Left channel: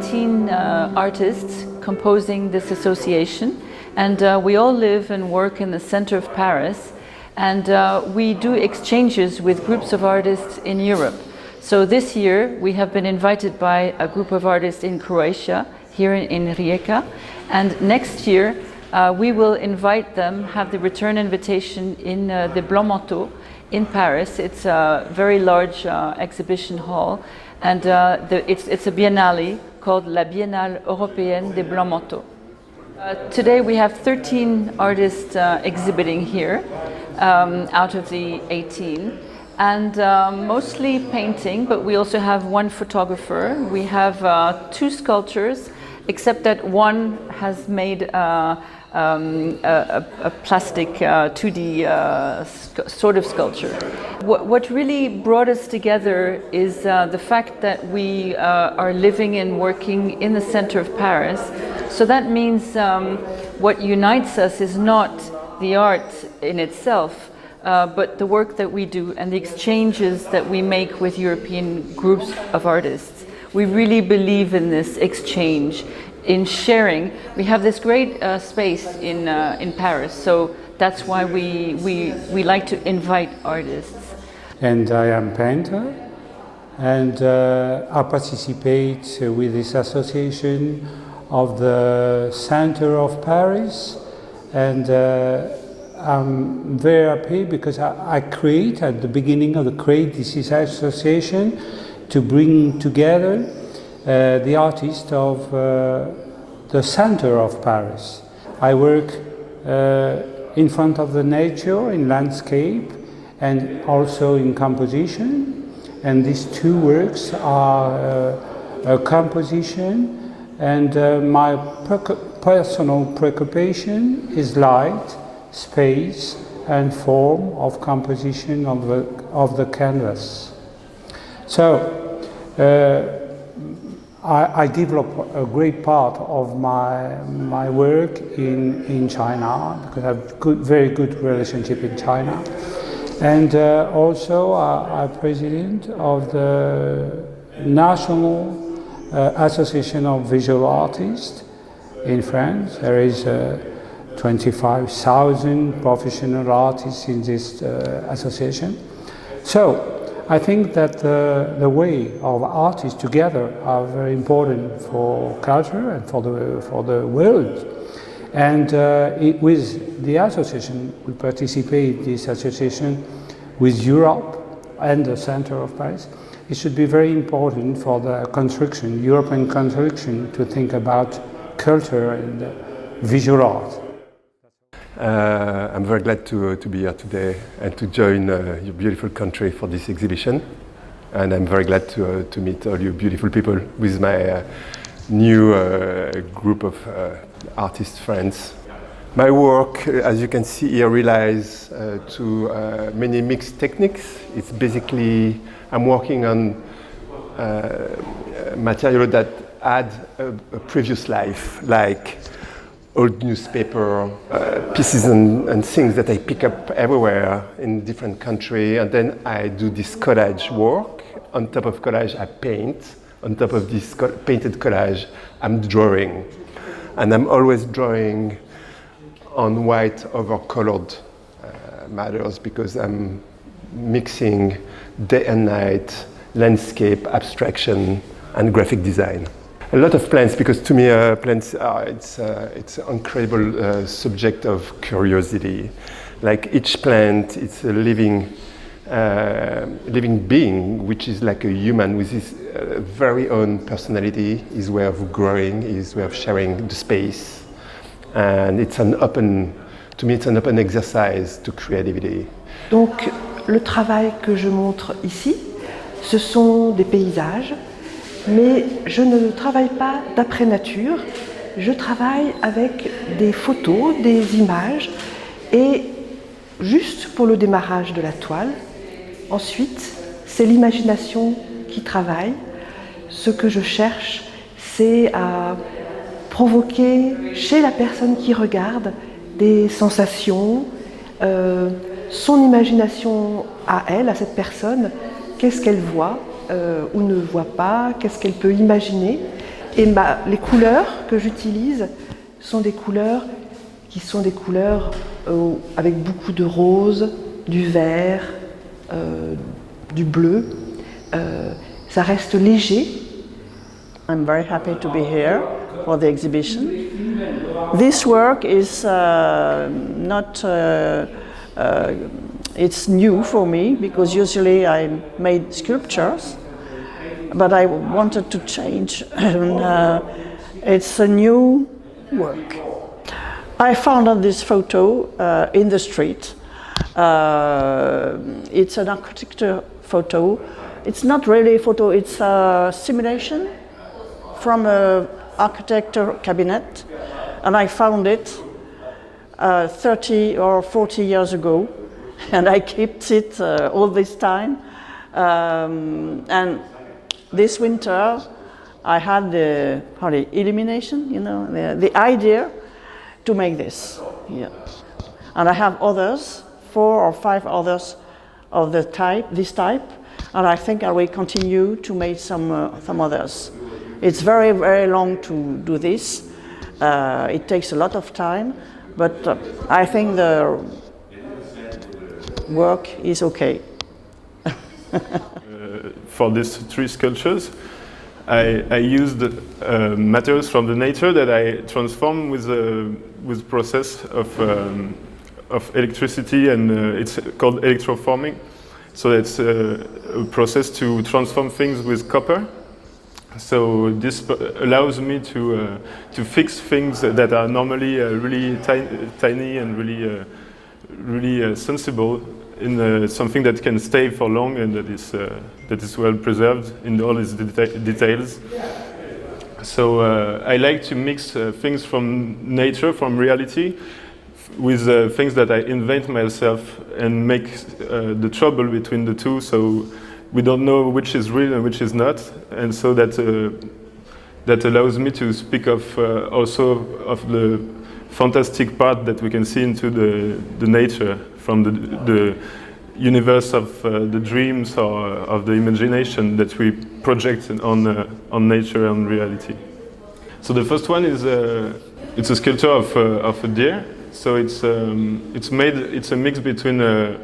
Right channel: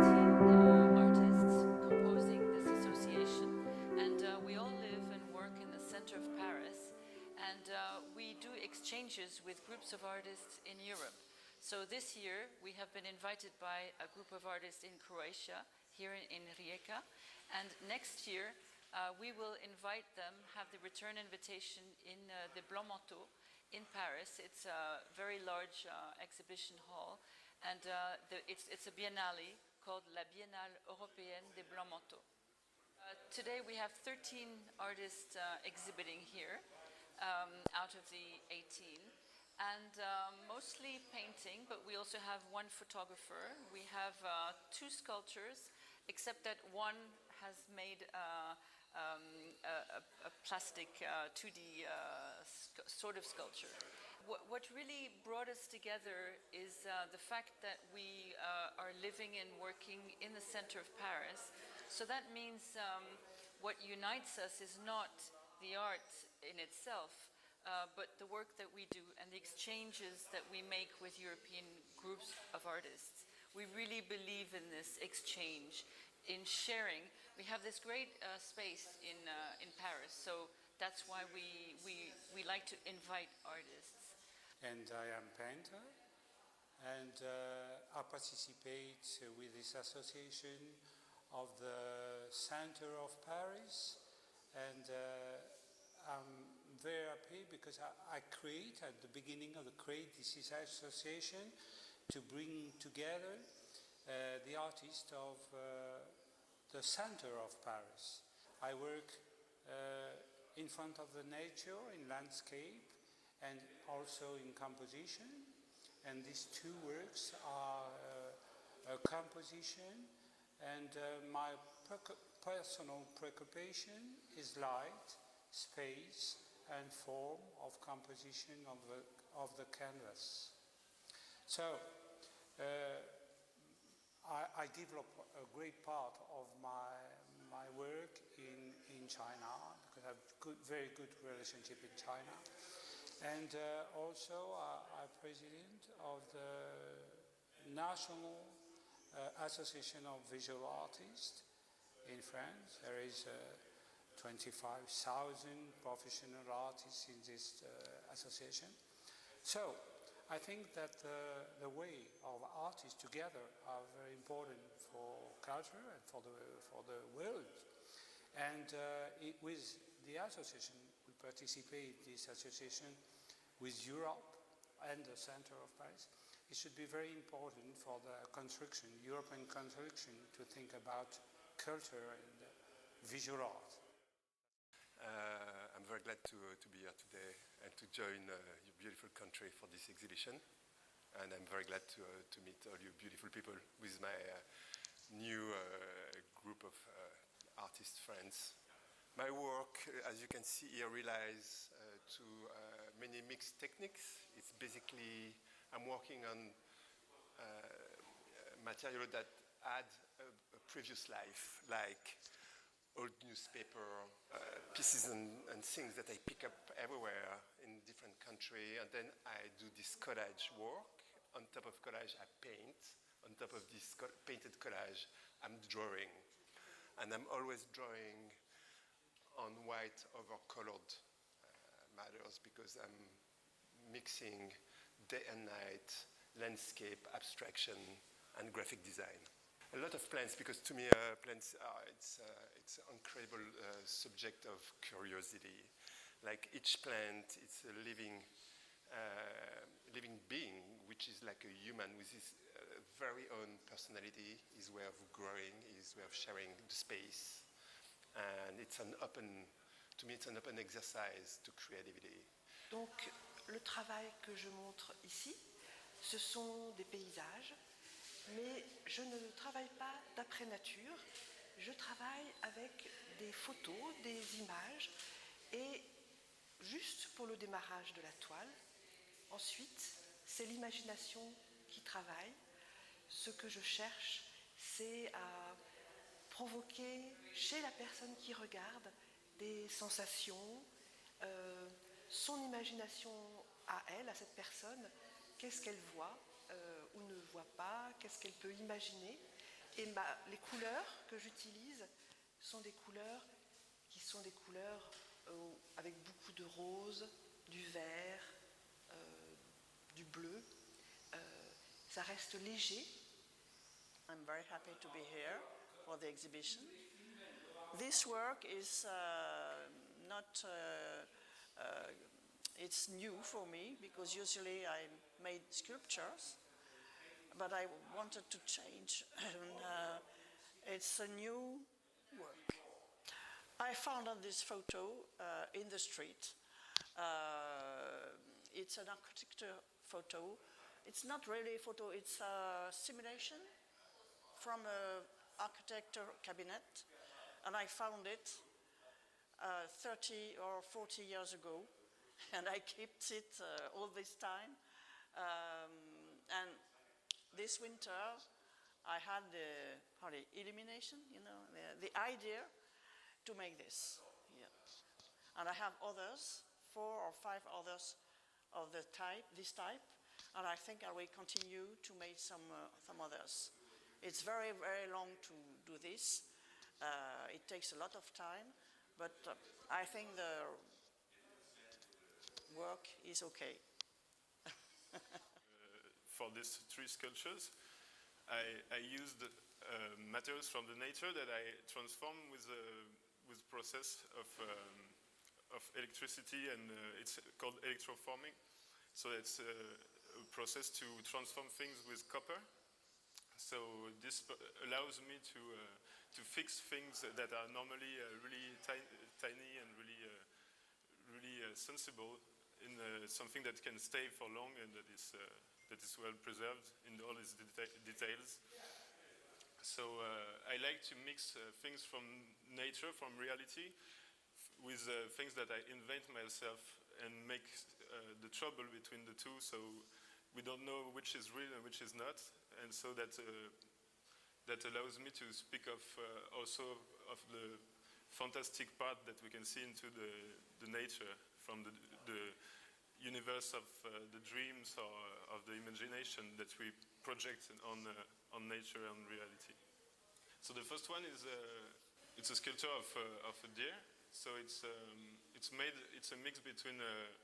18 artists composing this association, and we all live and work in the center of Paris, and we do exchanges with groups of artists in Europe. So this year we have been invited by a group of artists in Croatia, here in Rijeka, and next year we will invite them, have the return invitation in the Blanc Manteau in Paris. It's a very large exhibition hall, and it's a biennale called La Biennale Européenne des Blancs Manteaux. Today we have 13 artists exhibiting here out of the 18, and mostly painting, but we also have one photographer. We have 2 sculptures, except that one has made a plastic 2D sort of sculpture. What really brought us together is the fact that we are living and working in the center of Paris. So that means what unites us is not the art in itself, but the work that we do and the exchanges that we make with European groups of artists. We really believe in this exchange, in sharing. We have this great space in Paris, so that's why we like to invite artists. And I am a painter, and I participate with this association of the center of Paris, and I'm very happy because I create at the beginning of this association to bring together the artists of the center of Paris. I work in front of the nature, in landscape, and also in composition. And these 2 works are a composition, and my personal preoccupation is light, space, and form of composition of the canvas. So I develop a great part of my work in China, because I have very good relationship in China. And also I'm president of the National Association of Visual Artists in France. There is 25,000 professional artists in this association. So I think that the way of artists together are very important for culture and for the world. And with the association, we participate this association with Europe and the center of Paris. It should be very important for the construction, European construction, to think about culture and visual art. I'm very glad to be here today and to join your beautiful country for this exhibition. And I'm very glad to meet all you beautiful people with my new group of artist friends. My work, as you can see here, relies to many mixed techniques. It's basically, I'm working on material that had a previous life, like old newspaper, pieces and things that I pick up everywhere in different countries, and then I do this collage work. On top of collage, I paint. On top of this painted collage, I'm drawing. And I'm always drawing on white over colored matters, because I'm mixing day and night, landscape, abstraction, and graphic design. A lot of plants, because to me plants are it's an incredible subject of curiosity. Like each plant, it's a living being, which is like a human with his very own personality, his way of growing, his way of sharing the space, and it's an open exercise to creativity. Donc le travail que je montre ici, ce sont des paysages. Mais je ne travaille pas d'après nature, je travaille avec des photos, des images, et juste pour le démarrage de la toile. Ensuite, c'est l'imagination qui travaille. Ce que je cherche, c'est à provoquer chez la personne qui regarde des sensations, son imagination à elle, à cette personne, qu'est-ce qu'elle voit ou ne voit pas, qu'est-ce qu'elle peut imaginer. Et les couleurs que j'utilise sont des couleurs avec beaucoup de rose, du vert, du bleu. Ça reste léger. I'm very happy to be here for the exhibition. This work is it's new for me because usually I made sculptures, but I wanted to change. It's a new work. I found on this photo in the street. It's an architecture photo. It's not really a photo, it's a simulation from an architecture cabinet, and I found it 30 or 40 years ago, and I kept it all this time. And this winter, I had the illumination, the idea to make this. Yeah. And I have others, 4 or 5 others of this type, and I think I will continue to make some others. It's very, very long to do this. It takes a lot of time, but I think the work is okay. For these 3 sculptures, I used materials from the nature that I transform with process of electricity, and it's called electroforming. So it's a process to transform things with copper. So this allows me to fix things that are normally really tiny and really sensible in something that can stay for long and that is well preserved in all its details. So I like to mix things from nature, from reality, with things that I invent myself and make the trouble between the two, so we don't know which is real and which is not, and so that allows me to speak of also of the fantastic part that we can see into the nature, from the universe of the dreams or of the imagination that we project on nature and reality. So the first one is it's a sculpture of a deer. So it's a mix between a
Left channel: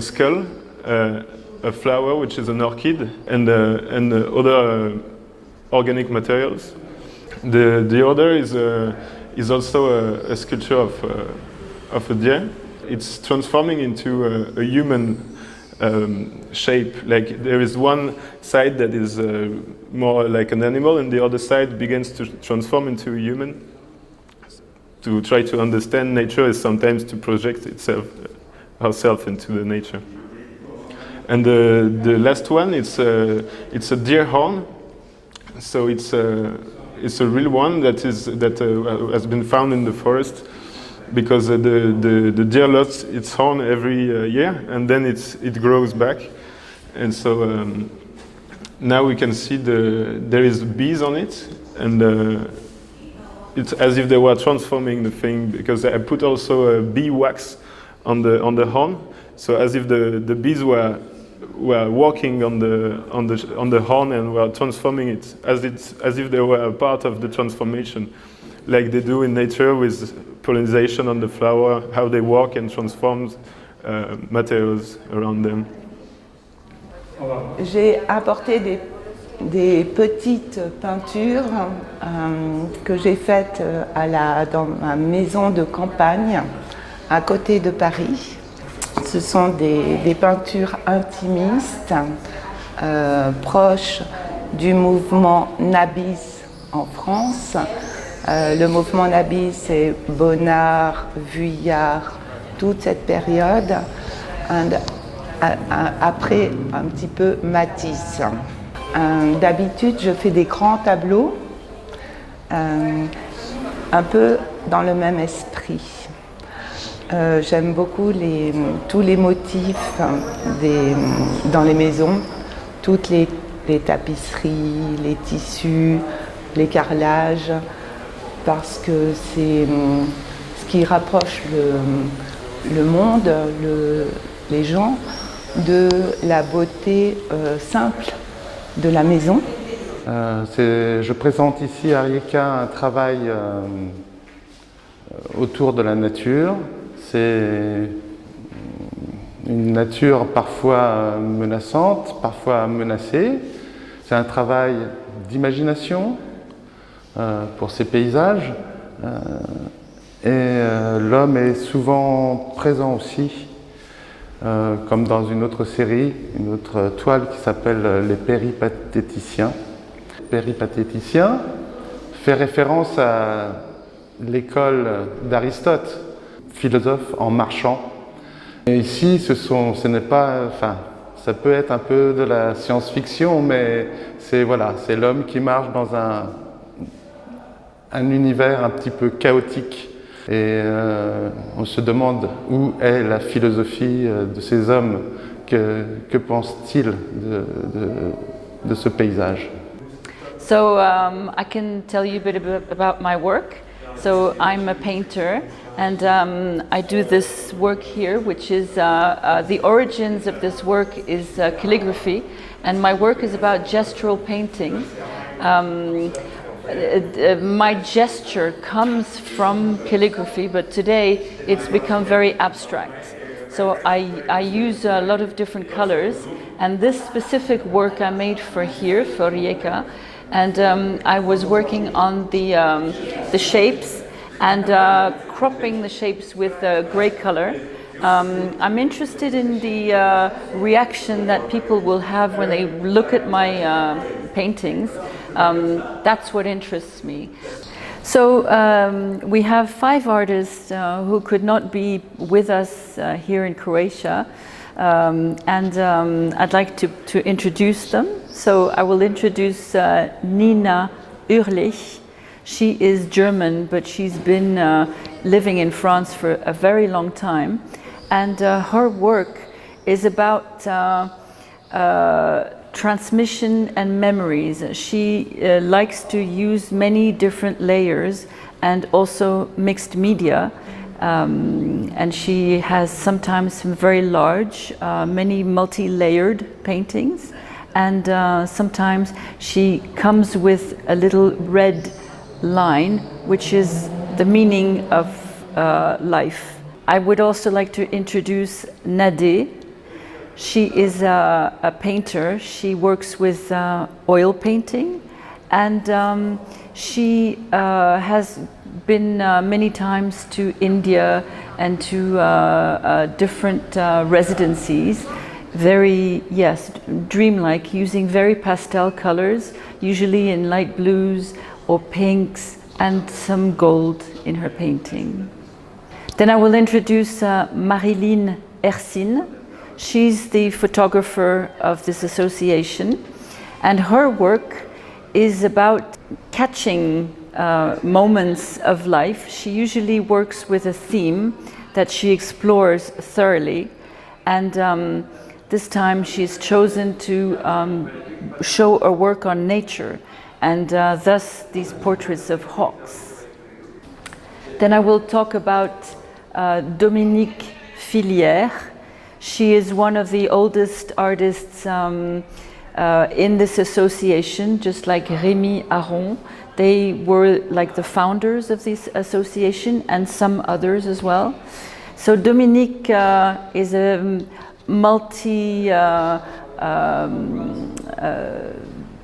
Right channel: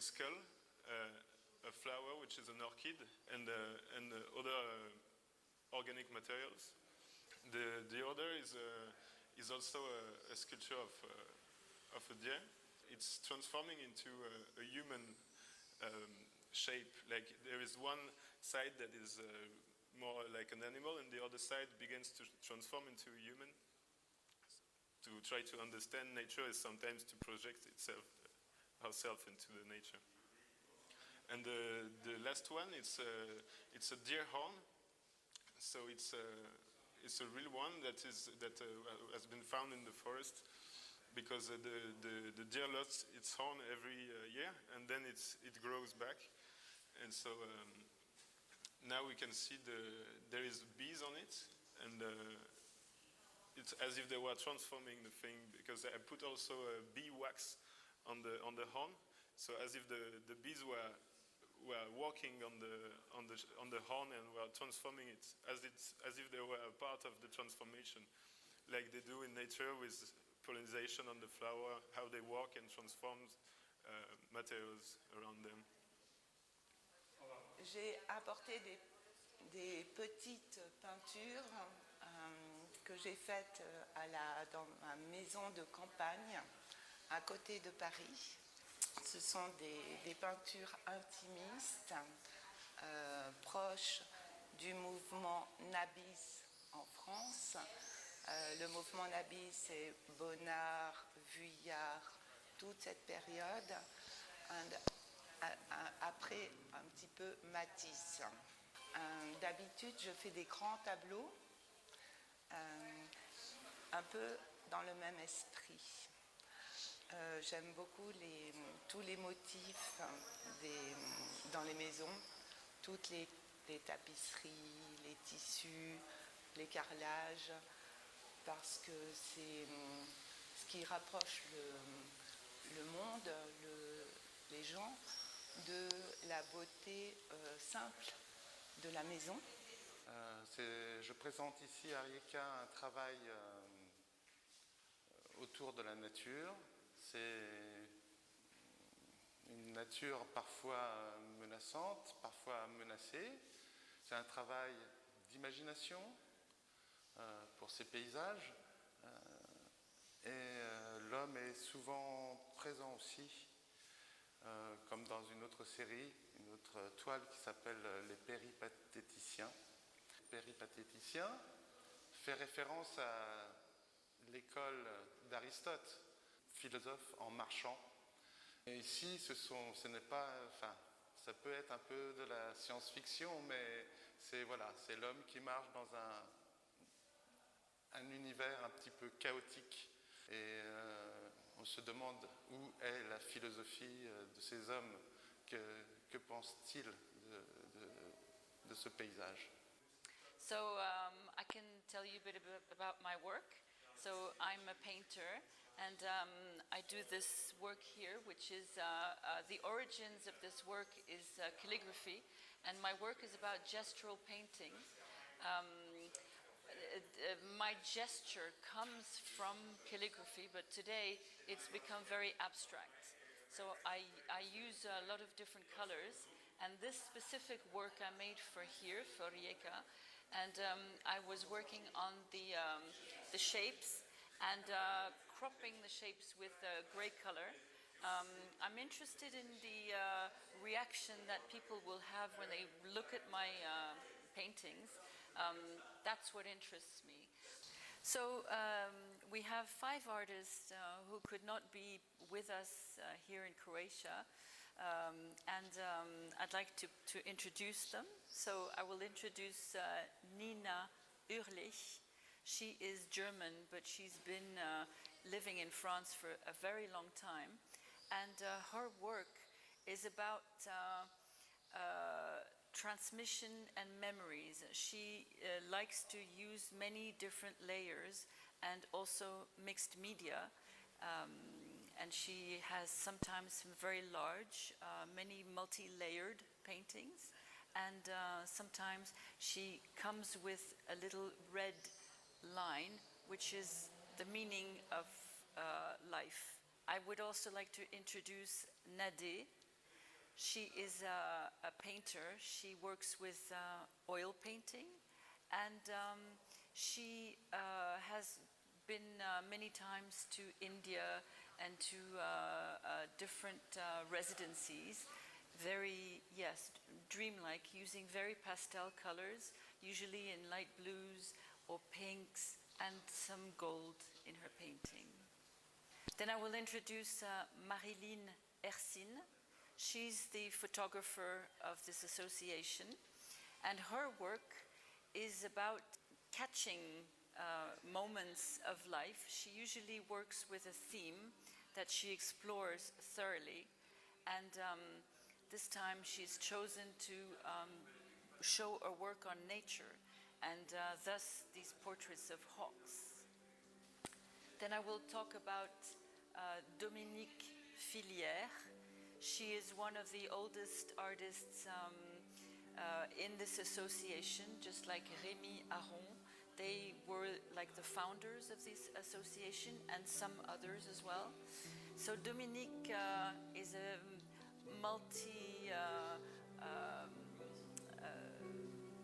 skull, a flower, which is an orchid, and other organic materials. The other is also a sculpture of a deer. It's transforming into a human shape. Like there is one side that is more like an animal, and the other side begins to transform into a human. To try to understand nature is sometimes to project ourselves into the nature. And the last one, it's a deer horn. So it's a real one that has been found in the forest, because the deer lost its horn every year, and then it grows back. And so now we can see there is bees on it, and it's as if they were transforming the thing, because I put also bee wax on the horn, so as if the bees were walking on the horn and were transforming it, as if they were a part of the transformation, like they do in nature with pollination on the flower, how they walk and transform materials around them. J'ai apporté des petites peintures que j'ai faites dans ma maison de campagne à côté de Paris. Ce sont des peintures intimistes, proches du mouvement Nabis en France. Le mouvement Nabis, c'est Bonnard, Vuillard, toute cette période. Après, un petit peu Matisse. D'habitude, je fais des grands tableaux, un peu dans le même esprit. J'aime beaucoup tous les motifs dans les maisons, toutes les tapisseries, les tissus, les carrelages, parce que c'est ce qui rapproche le monde, les gens, de la beauté simple de la maison, Je présente ici à Rijeka un travail autour de la nature. C'est une nature parfois menaçante, parfois menacée. C'est un travail d'imagination pour ces paysages. Et l'homme est souvent présent aussi, comme dans une autre série, une autre toile qui s'appelle Les péripatéticiens. Péripatéticien fait référence à l'école d'Aristote, philosophe en marchant. Et ici, ce n'est pas, enfin, ça peut être un peu de la science-fiction, mais c'est voilà, c'est l'homme qui marche dans un univers un petit peu chaotique. Et on se demande où est la philosophie de ces hommes, que pensent-ils de ce paysage? So I can tell you a bit about my work. So I'm a painter, and I do this work here, which is the origins of this work is calligraphy, and my work is about gestural painting. My gesture comes from calligraphy, but today it's become very abstract. So I use a lot of different colors, and this specific work I made for here, for Rijeka, and I was working on the shapes and cropping the shapes with gray color. I'm interested in the reaction that people will have when they look at my paintings. That's what interests me. So we have 5 artists who could not be with us here in Croatia, and I'd like to introduce them. So I will introduce Nina Urlichs. She is German, but she's been living in France for a very long time, and her work is about transmission and memories. She likes to use many different layers and also mixed media, and she has sometimes some very large, many multi-layered paintings, and sometimes she comes with a little red line, which is the meaning of life. I would also like to introduce Nadée. She is a painter. She works with oil painting, and she has been many times to India and to different residencies. Very, yes, dreamlike, using very pastel colors, usually in light blues or pinks, and some gold in her painting. Then I will introduce Marie-Lyne Ersine. She's the photographer of this association, and her work is about catching moments of life. She usually works with a theme that she explores thoroughly, and this time she's chosen to show a work on nature, and thus these portraits of hawks. Then I will talk about Dominique Fillières. She is one of the oldest artists in this association, just like Rémy, Aron. They were like the founders of this association, and some others as well. So Dominique is a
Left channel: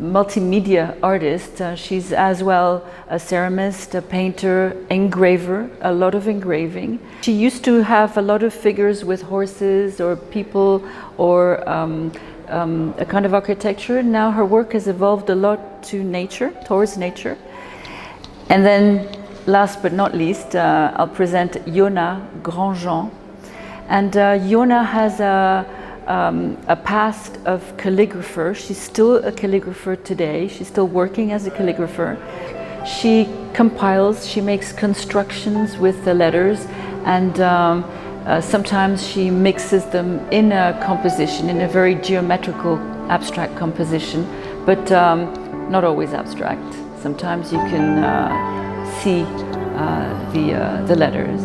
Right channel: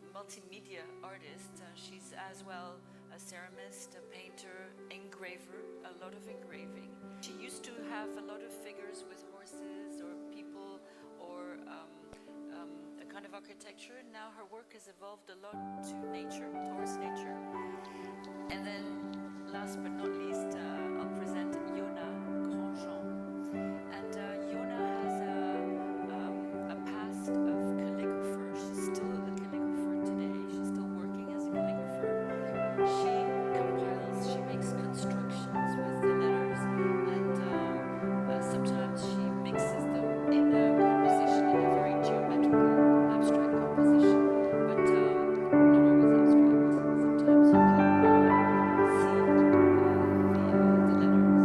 multimedia artist. She's as well a ceramist, a painter, engraver, a lot of engraving. She used to have a lot of figures with horses or people or a kind of architecture. Now her work has evolved a lot to nature, towards nature. And then last but not least, I'll present Yona Grandjean. And Yona has a past of calligrapher. She's still a calligrapher today. She's still working as a calligrapher. She compiles, she makes constructions with the letters, and sometimes she mixes them in a composition, in a very geometrical, abstract composition, but not always abstract. Sometimes you can see the letters.